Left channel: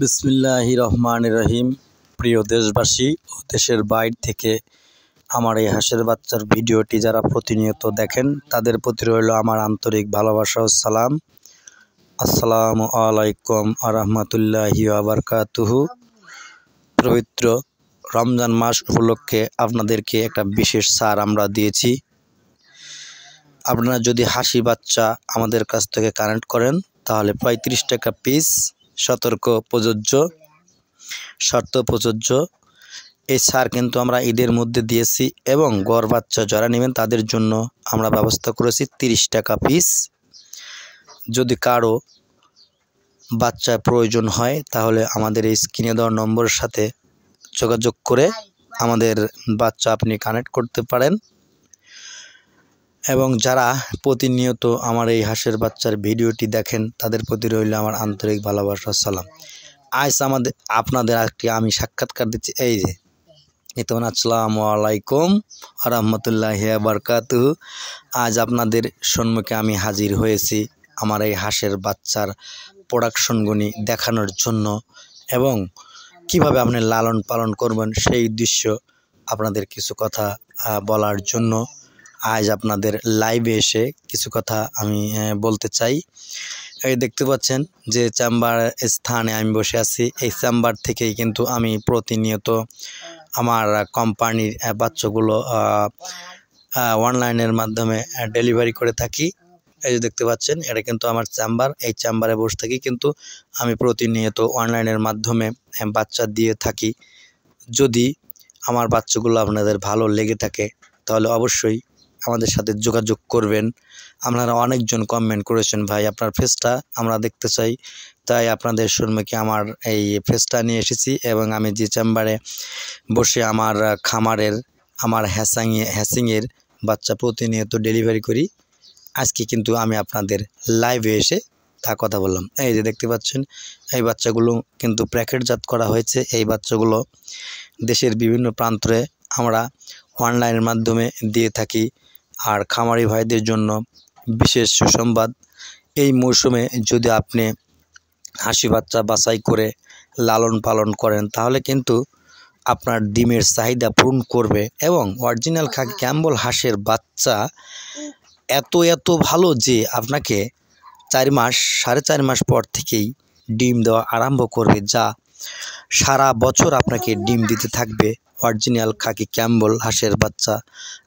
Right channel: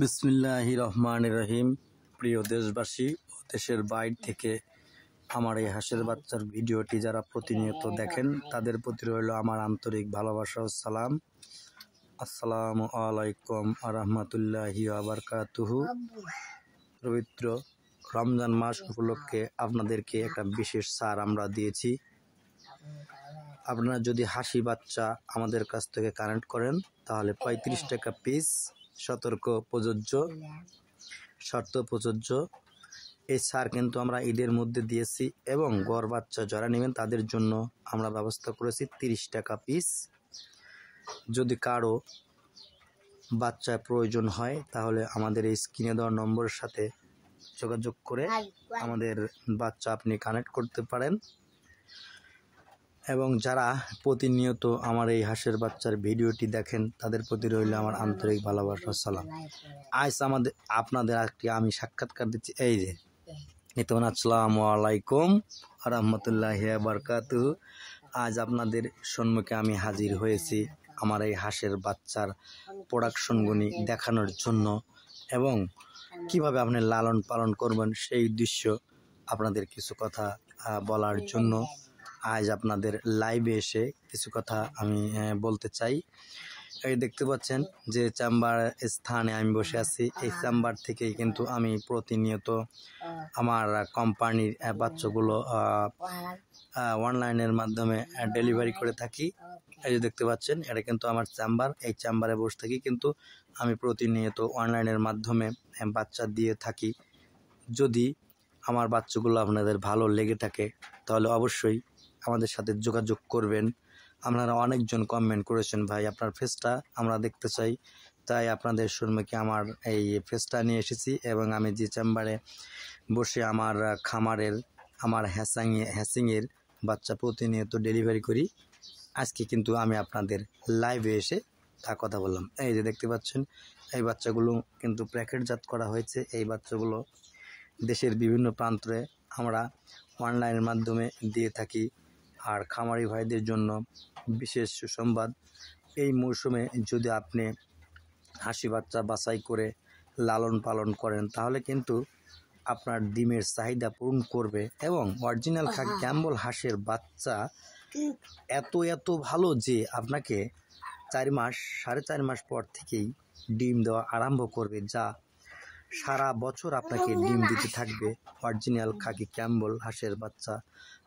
বিসমিল্লাহির রহমানির রহিম। প্রিয় দেশবাসী ও দেশের বাইরে থেকে আমার এই হাঁসের বাচ্চার ভিডিওটি যারা প্রতিনিয়ত দেখেন তাদের প্রতি রইল আমার আন্তরিক ভালোবাসা ও সালাম। আসসালামু আলাইকুম ওয়া রাহমাতুল্লাহি ওয়া বারাকাতুহু। পবিত্র রমজান মাস উপলক্ষে আপনাদেরকে একটা বিশেষ ছাড় আমরা দিয়েছি। আপনারা যদি হাসি বাচ্চা আমাদের কাছ থেকে কানেক্ট করেন তাহলে 35 টাকা পিস, সতর্ক প্রযোজ্য, শর্ত প্রযোজ্য। এই ছাড় কিন্তু আমরা ঈদের মধ্যে দিয়েছি এবং গড় বাচ্চা যারা নেবেন তাদের জন্য আমরা ব্যবস্থা করেছি 30 টাকা পিস। যদি কারো বাচ্চা প্রয়োজন হয় তাহলে আমাদের এই স্ক্রিনে দেওয়া নম্বরের সাথে যোগাযোগ করে আমাদের বাচ্চা আপনি কানেক্ট করতে পারেন। এবং যারা প্রতিনিয়ত আমার এই হাঁসের বাচ্চার ভিডিওটি দেখেন তাদের প্রতি রইল আমার আন্তরিক ভালোবাসা সালাম। আজ আপনাদের একটি আমি সাক্ষাৎকার দিচ্ছি। এই যে আসসালামু আলাইকুম ওয়া রাহমাতুল্লাহি ওয়া বারাকাতুহু। আজ আপনাদের সম্মুখে আমি হাজির হয়েছি আমার এই হাঁসের বাচ্চার প্রোডাকশনগুলি দেখানোর জন্য এবং কিভাবে আপনি লালন পালন করবেন সেই দৃশ্য আপনাদের কিছু কথা বলার জন্য আজ আপনাদের লাইভে এসে কিছু কথা আমি বলতে চাই। এই দেখতে পাচ্ছেন যে চেম্বার স্থানে আমি বসে আছি, এই চেম্বার থেকেই কিন্তু আমি প্রতিনিয়ত আমার কোম্পানির বাচ্চাগুলো অনলাইনের মাধ্যমে ডেলিভারি করে থাকি। এই যে দেখতে পাচ্ছেন এটা কিন্তু আমার চেম্বার, এই চেম্বারে বসে থাকি কিন্তু আমি প্রতিনিয়ত অনলাইনের মাধ্যমে বাচ্চা দিয়ে থাকি। যদি আমার বাচ্চাগুলো আপনাদের ভালো লেগে থাকে তাহলে অবশ্যই আমাদের সাথে যোগাযোগ করবেন। আপনারা অনেকজন কমেন্ট করেছেন, ভাই আপনার ফেসটা আমরা দেখতে চাই, তাই আপনাদের সম্মুখে আমার এই ফেসটা নিয়ে এসেছি এবং আমি যে চেম্বারে বসে আমার খামারের আমার হ্যাসিংয়ের বাচ্চা প্রতিনিয়ত ডেলিভারি করি, আজকে কিন্তু আমি আপনাদের লাইভে এসে তা কথা বললাম। এই যে দেখতে পাচ্ছেন এই বাচ্চাগুলো কিন্তু প্যাকেটজাত করা হয়েছে। এই বাচ্চাগুলো দেশের বিভিন্ন প্রান্তে আমরা অনলাইনের মাধ্যমে দিয়ে থাকি। আর খামারি ভাইদের জন্য বিশেষ সুসংবাদ, এই মৌসুমে যদি আপনি হাঁসি বাচ্চা বাছাই করে লালন পালন করেন তাহলে কিন্তু আপনার ডিমের চাহিদা পূরণ করবে এবং অরিজিনাল খাকি ক্যাম্বল হাঁসের বাচ্চা এত ভালো যে আপনাকে 4 মাস 4.5 মাস পর থেকেই ডিম দেওয়া আরম্ভ করবে, যা সারা বছর আপনাকে ডিম দিতে থাকবে। অরিজিনাল খাকি ক্যাম্বল হাঁসের বাচ্চা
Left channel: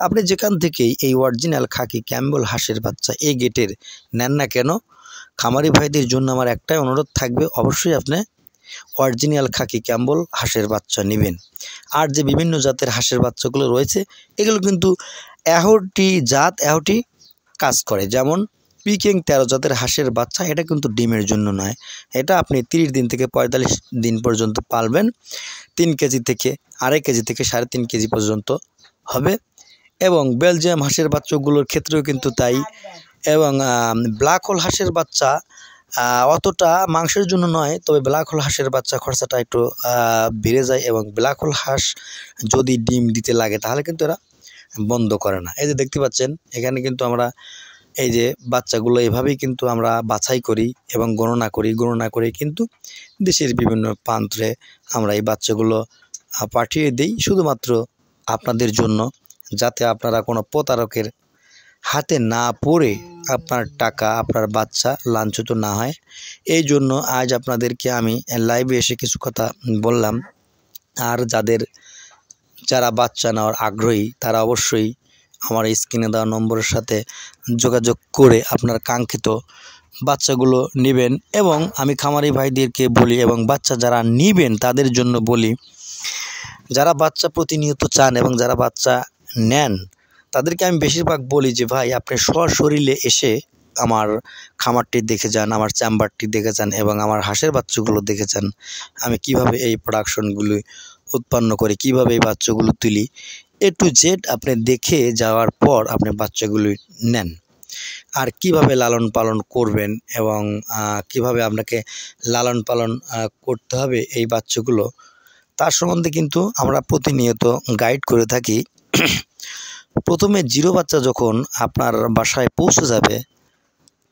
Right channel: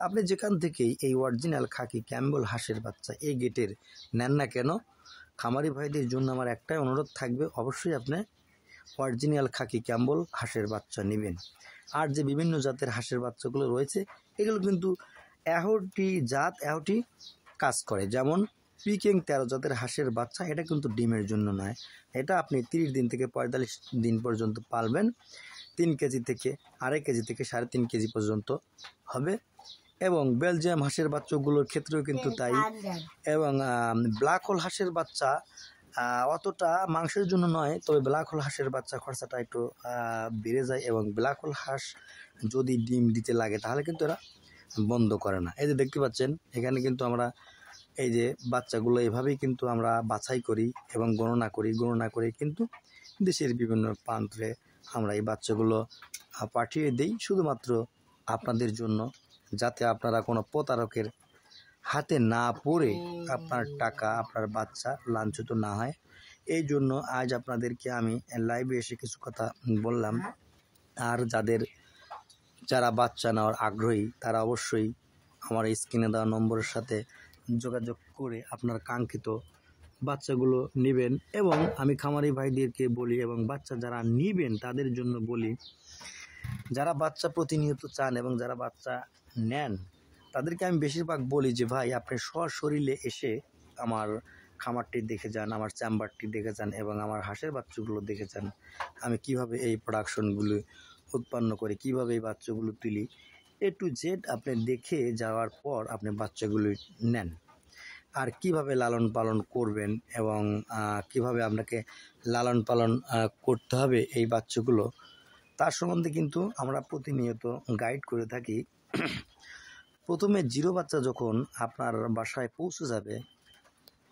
আপনি যেখান থেকেই এই অরিজিনাল খাকি ক্যাম্বল হাঁসের বাচ্চা এই গেটের নেন না কেন, খামারি ভাইদের জন্য আমার একটাই অনুরোধ থাকবে, অবশ্যই আপনি অরিজিনাল খাকি ক্যাম্বল হাঁসের বাচ্চা নেবেন। আর যে বিভিন্ন জাতের হাঁসের বাচ্চাগুলো রয়েছে এগুলো কিন্তু এহটি কাজ করে, যেমন পিকিং 13 জাতের হাঁসের বাচ্চা, এটা কিন্তু ডিমের জন্য নয়, এটা আপনি 30 দিন থেকে 45 দিন পর্যন্ত পালবেন। 3 কেজি থেকে 2.5 কেজি থেকে 3.5 কেজি পর্যন্ত হবে। এবং বেলজিয়াম হাঁসের বাচ্চাগুলোর ক্ষেত্রেও কিন্তু তাই। এবং ব্ল্যাক হোল হাঁসের বাচ্চা অতটা মাংসের জন্য নয়, তবে ব্ল্যাক হোল হাঁসের বাচ্চা খরচাটা একটু বেড়ে যায় এবং ব্ল্যাক হোল হাঁস যদি ডিম দিতে লাগে তাহলে কিন্তু এরা বন্ধ করে না। এই যে দেখতে পাচ্ছেন এখানে কিন্তু আমরা এই যে বাচ্চাগুলো এভাবেই কিন্তু আমরা বাছাই করি এবং গণনা করি কিন্তু দেশের বিভিন্ন প্রান্তে আমরা এই বাচ্চাগুলো পাঠিয়ে দিই শুধুমাত্র আপনাদের জন্য, যাতে আপনারা কোনো প্রতারকের হাতে না পড়ে আপনার টাকা আপনার বাচ্চা লাঞ্ছিত না হয়। এই জন্য আজ আপনাদেরকে আমি লাইভে এসে কিছু কথা বললাম। আর যারা বাচ্চা নেওয়ার আগ্রহী তারা অবশ্যই আমার স্ক্রিনে দেওয়া নম্বরের সাথে যোগাযোগ করে আপনার কাঙ্ক্ষিত বাচ্চাগুলো নেবেন। এবং আমি খামারি ভাইদেরকে বলি এবং বাচ্চা যারা নেবেন তাদের জন্য বলি, যারা বাচ্চা প্রতিনিয়ত চান এবং যারা বাচ্চা নেন তাদেরকে আমি বেশিরভাগ বলি যে ভাই আপনি সশরীরে এসে আমার খামারটি দেখে যান, আমার চেম্বারটি দেখে যান এবং আমার হাঁসের বাচ্চাগুলো দেখে যান, আমি কিভাবে এই প্রোডাকশনগুলি উৎপন্ন করি, কিভাবে এই বাচ্চাগুলো তুলি, A to Z আপনি দেখে যাওয়ার পর আপনি বাচ্চাগুলি নেন। আর কিভাবে লালন পালন করবেন এবং কিভাবে আপনাকে লালন পালন করতে হবে এই বাচ্চাগুলো, তার সম্বন্ধে কিন্তু আমরা প্রতিনিয়ত গাইড করে থাকি। প্রথমে জিরো বাচ্চা যখন আপনার বাসায় পৌঁছে যাবে,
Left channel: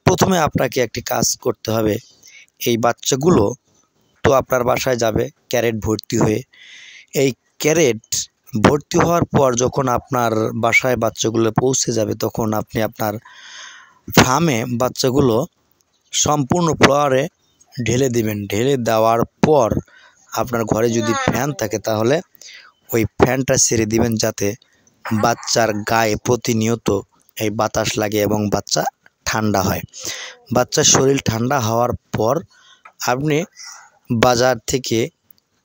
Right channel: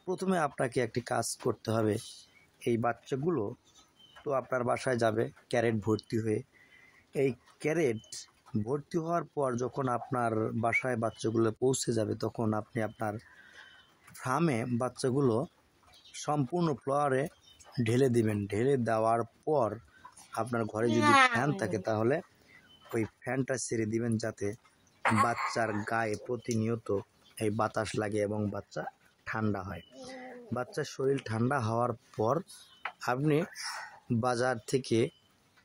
প্রথমে আপনাকে একটি কাজ করতে হবে, এই বাচ্চাগুলো তো আপনার বাসায় যাবে ক্যারেট ভর্তি হয়ে। এই ক্যারেট ভর্তি হওয়ার পর যখন আপনার বাসায় বাচ্চাগুলো পৌঁছে যাবে, তখন আপনি আপনার ফার্মে বাচ্চাগুলো সম্পূর্ণ ফ্লোরে ঢেলে দিবেন। ঢেলে দেওয়ার পর আপনার ঘরে যদি ফ্যান থাকে তাহলে ওই ফ্যানটা ছেড়ে দিবেন, যাতে বাচ্চার গায়ে প্রতিনিয়ত এই বাতাস লাগে এবং বাচ্চা ঠান্ডা হয়। বাচ্চার শরীর ঠান্ডা হওয়ার পর আপনি বাজার থেকে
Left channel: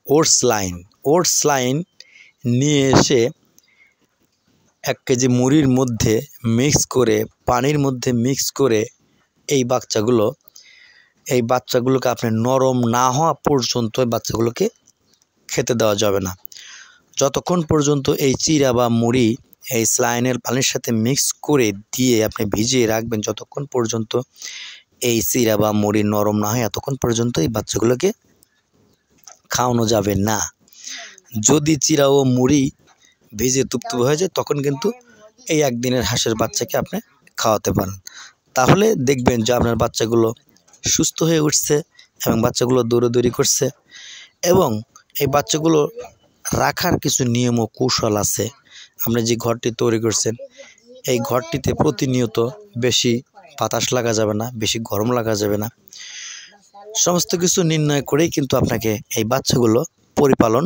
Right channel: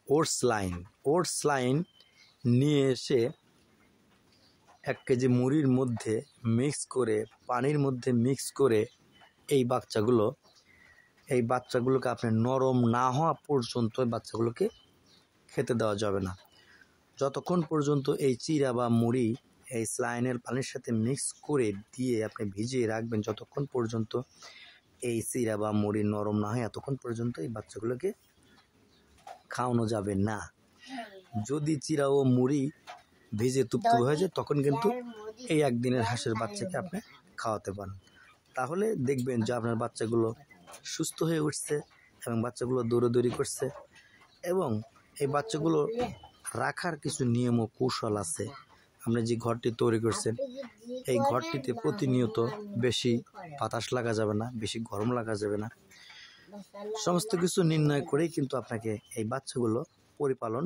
ওটস লাইন নিয়ে এসে 1 কেজি মুড়ির মধ্যে মিক্স করে, পানির মধ্যে মিক্স করে এই বাচ্চাগুলোকে আপনি নরম না হওয়া পর্যন্ত বাচ্চাগুলোকে খেতে দেওয়া যাবে না। যতক্ষণ পর্যন্ত এই চিরা বা মুড়ি এই স্যালাইনের পানির সাথে মিক্স করে দিয়ে আপনি ভিজিয়ে রাখবেন, যতক্ষণ পর্যন্ত এই চিরা বা মুড়ি নরম না হয় এতক্ষণ পর্যন্ত এই বাচ্চাগুলোকে খাওয়ানো যাবে না। যদি চিরা ও মুড়ি ভিজে তুপতুপে হয়ে যায়, তখন কিন্তু এই 1 দিনের হাঁসের বাচ্চাকে আপনি খাওয়াতে পারেন। তাহলে দেখবেন যে আপনার বাচ্চাগুলো সুস্থ হয়ে উঠছে এবং বাচ্চাগুলো দৌড়াদৌড়ি করছে। এবং এই বাচ্চাগুলো রাখার কিছু নিয়ম ও কৌশল আছে। আপনি যে ঘরটি তৈরি করছেন, এই ঘরটিতে প্রতিনিয়ত বেশি বাতাস লাগা যাবে না, বেশি গরম লাগা যাবে না। সমস্ত কিছু নির্ণয় করেই কিন্তু আপনাকে এই বাচ্চাগুলো পরিপালন